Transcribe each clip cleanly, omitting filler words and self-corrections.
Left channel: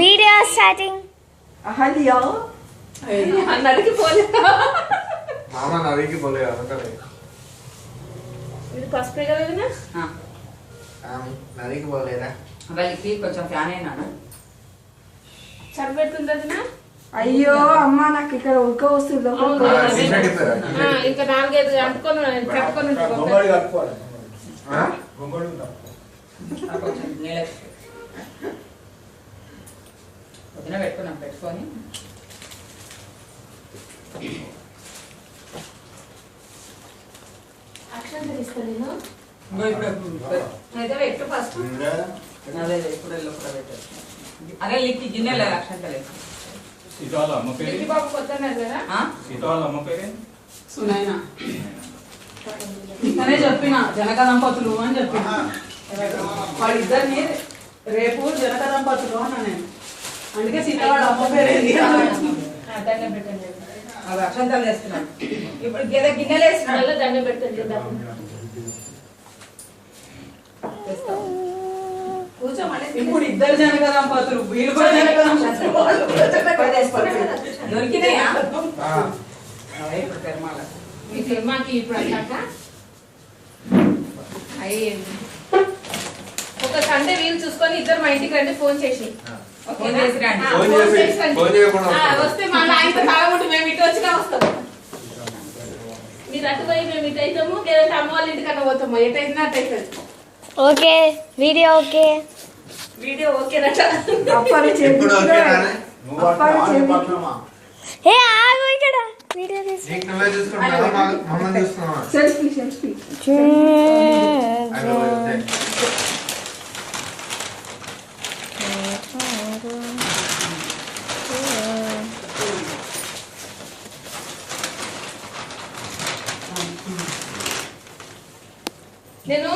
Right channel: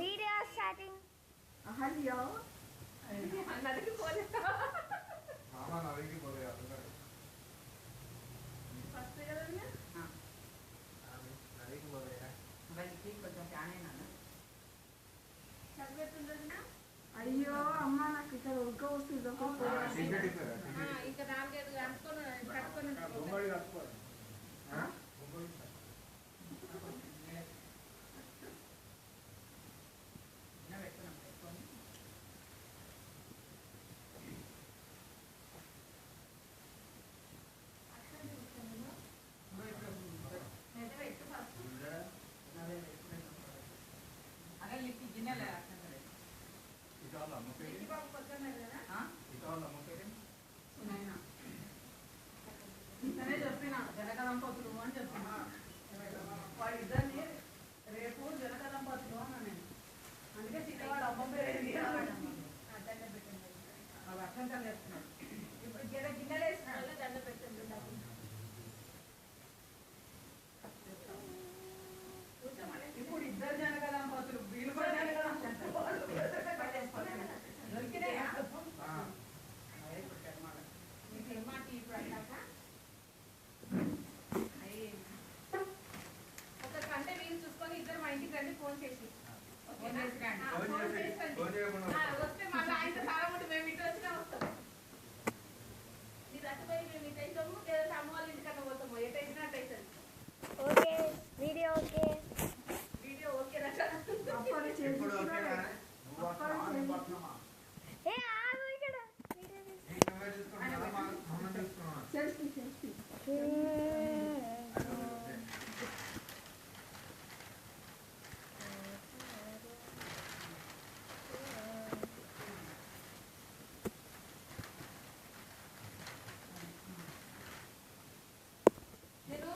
Video starting. Hello నదికి పోలే మామ నదికి పోలే అందుకనే ఇది పసుపు కదా నదికి పోలేరా వాళ్ళకి కొంచెం ఫ్యాన్ అయినా చనిపెడుతుంది. అయ్యో అమ్మ నాకు ఇక్కడ ఉక్క వస్తుంది. ఇంకా 4-5 అంటుకొని కట్టుకొని కొంచెం పొద్దున పెట్టుకున్నాం పెట్టుకొని అక్షంతలు ఇస్తాను అయితే పెట్టు ఫస్ట్. అదే ఇప్పుడు పెట్టారు. అదే లిక్కి గిన్నెలే అక్షంతలే. బాబు కొత్తనే కదా సునైనా తనే చెప్పిన జనక దంపతులు అని చెప్పిన వాళ్ళిద్దరిని రేపు జనక దంపతులు అన్నా నేను. అందుకే సీతవాళ్ళ అమ్మ పేరేంది దండం పెట్టండి. అవి అక్షంతలు వేస్తున్నాను. ఇప్పుడు గిన్నెలు వేస్తున్నాడు. దండం పెట్టండి. ఇప్పుడు ఇద్దరు జనక దంపతులు వీళ్ళు కూడా జనక దంపతులు దొరికినాయా ఇప్పుడు పెరుమాళ ఈ సినిమాకి ఇప్పుడు అన్నాక అయ్యింది. ఒక సండే వీలు చూసుకొని ఇద్దరు మా ఇంటికి రండి. ఫోన్ చేసి వస్తే మళ్ళీ ఆయనతో తాగబుట్టు మేము ఇటు వచ్చినా వస్తాం. మీరు అటు పోయి మేము ఇటు అవుతాము, లేదంటే అమ్మ వాళ్ళ ఇంటికన్నా పోతాము. ఎటైనా అటు అవుతుంది. ఓకే వీడియో ఓకే వీడియో ఓకేనట. ఏ ఆగు ఇక్కడ వీడియో సెల్ఫీ సెల్ఫీ నేను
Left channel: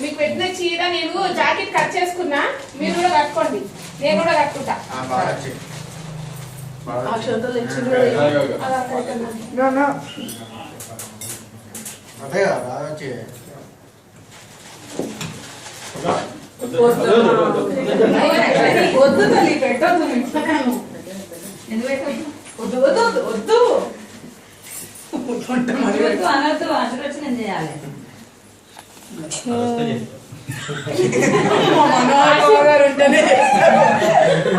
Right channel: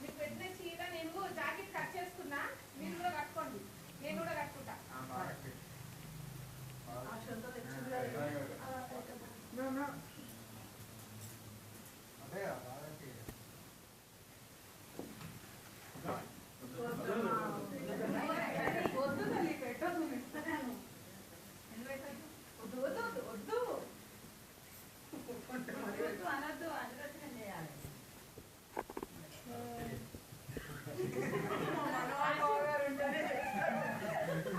మీకు పెట్టిన చీర నేను జాకెట్ కట్ చేసుకున్నా. మీరు కూడా కట్టుకోండి, నేను కూడా కట్టుకుంటా. వద్దు తల్లి పెట్టద్దు వద్దు వద్దు వద్దు అనద్దు ఆశీర్వచనం చేయాలి.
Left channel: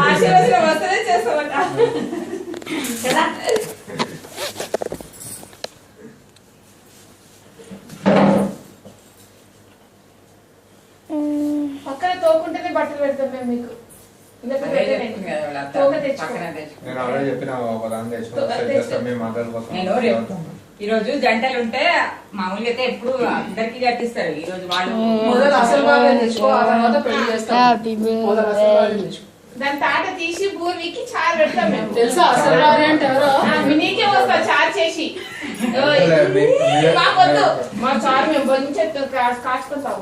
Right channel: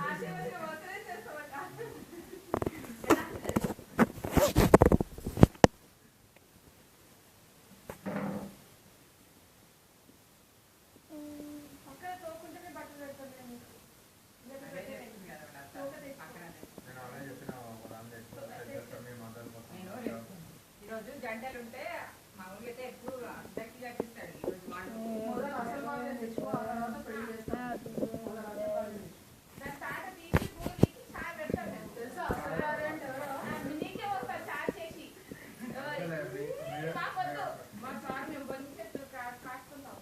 ఆశీర్వచనం వస్తేనే చేస్తామట కదా. పక్కన తోకుంటేనే బట్టలు పెడతాం మేము మీకు. ఈ రోజు జంటలు ఉంటే మామూలుగా అయితే ఎప్పుడు అందరికి కట్టిస్తారు. ఈ రోజు వాళ్ళు దాని తాట తీసి భూమికి చారు పెడతాం మేము. తెలుసా అసలు అంటే ఎవరో నీకే వస్తా చారు చేసి. మాకొద్దు, మా చారు మేము మంచిగా కాచుకుంటాం.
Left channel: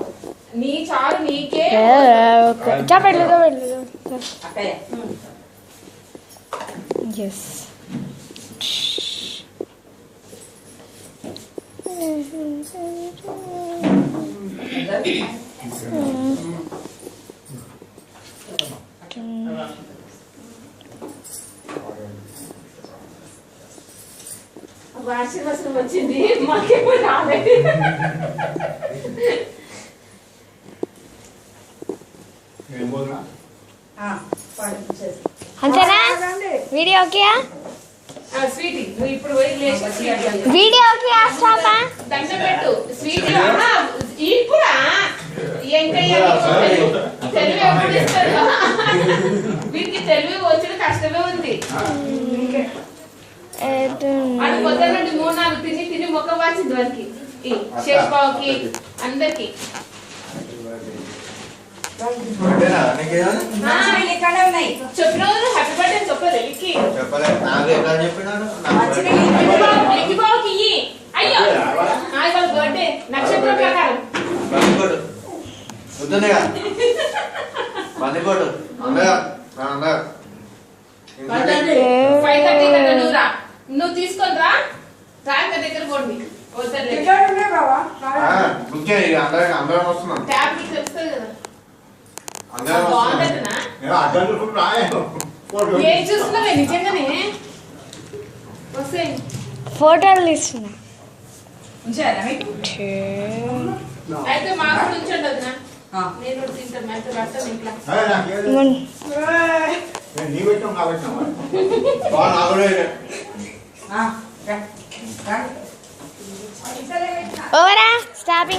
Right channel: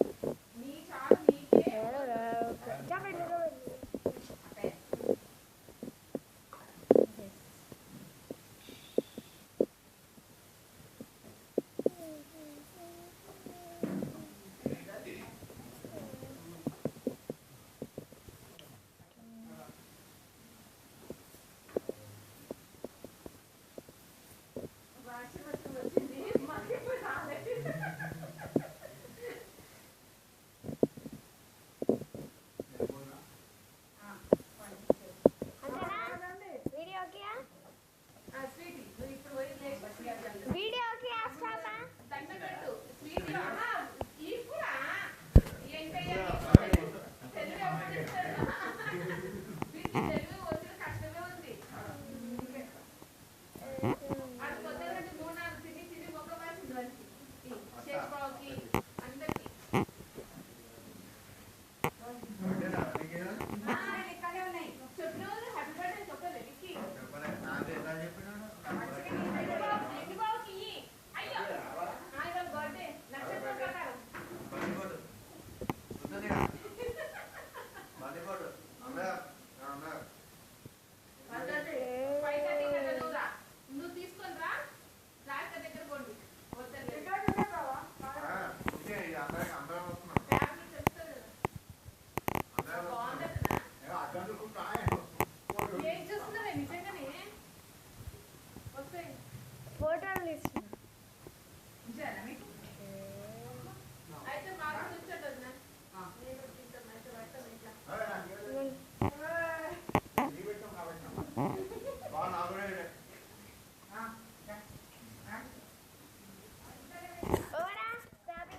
నీ చారు నీకే. అక్కయ్య వార్షికోత్సవం వచ్చింది, మాకేమో రాలేదు. అంతేనా వీడియో ఓకే స్వీటీ నువ్వు ఇప్పుడు పోయి వీడియో ఓకే స్టాపా దండం పెట్టు. స్వీటీ ఇప్పుడా ఎంకయ్య తెలివి ఎప్పుడు ఇస్తాడు. వీటికి తెలివి వచ్చి కష్టమే ఉంది. అది పొద్దున్న నుండి 3-4 తిని తిని మొక్క వాచింది వారికి, శేషబాబుకి, అందరికి. చెప్పిన హ్యాపీ బర్త్డే చెప్పలేదు. లిక్కి బాబుకి ఇయ్యి. అయ్యో వాళ్ళ బర్త్డే నక్షత్రం ప్రకారం. నువ్వు తీసుకొని రా. రాక దగ్గర పోండి. అందరం వస్తున్నాం. ట్యాబ్లెట్ తెలుస్తుంది కదా. అందరం వస్తున్నాం. ఏం చూస్తున్నావే నిజంగానే వస్తే ఫోటోలు తీస్తున్నా ఉంచారా మీకు అయితే మాకు ఉంచండి వదినా ఆ. నేను కూడా తింటాను అయితే పడతాను ఇంట్లో ఆ, రా. రా. ఓవరా స్టాపింగ్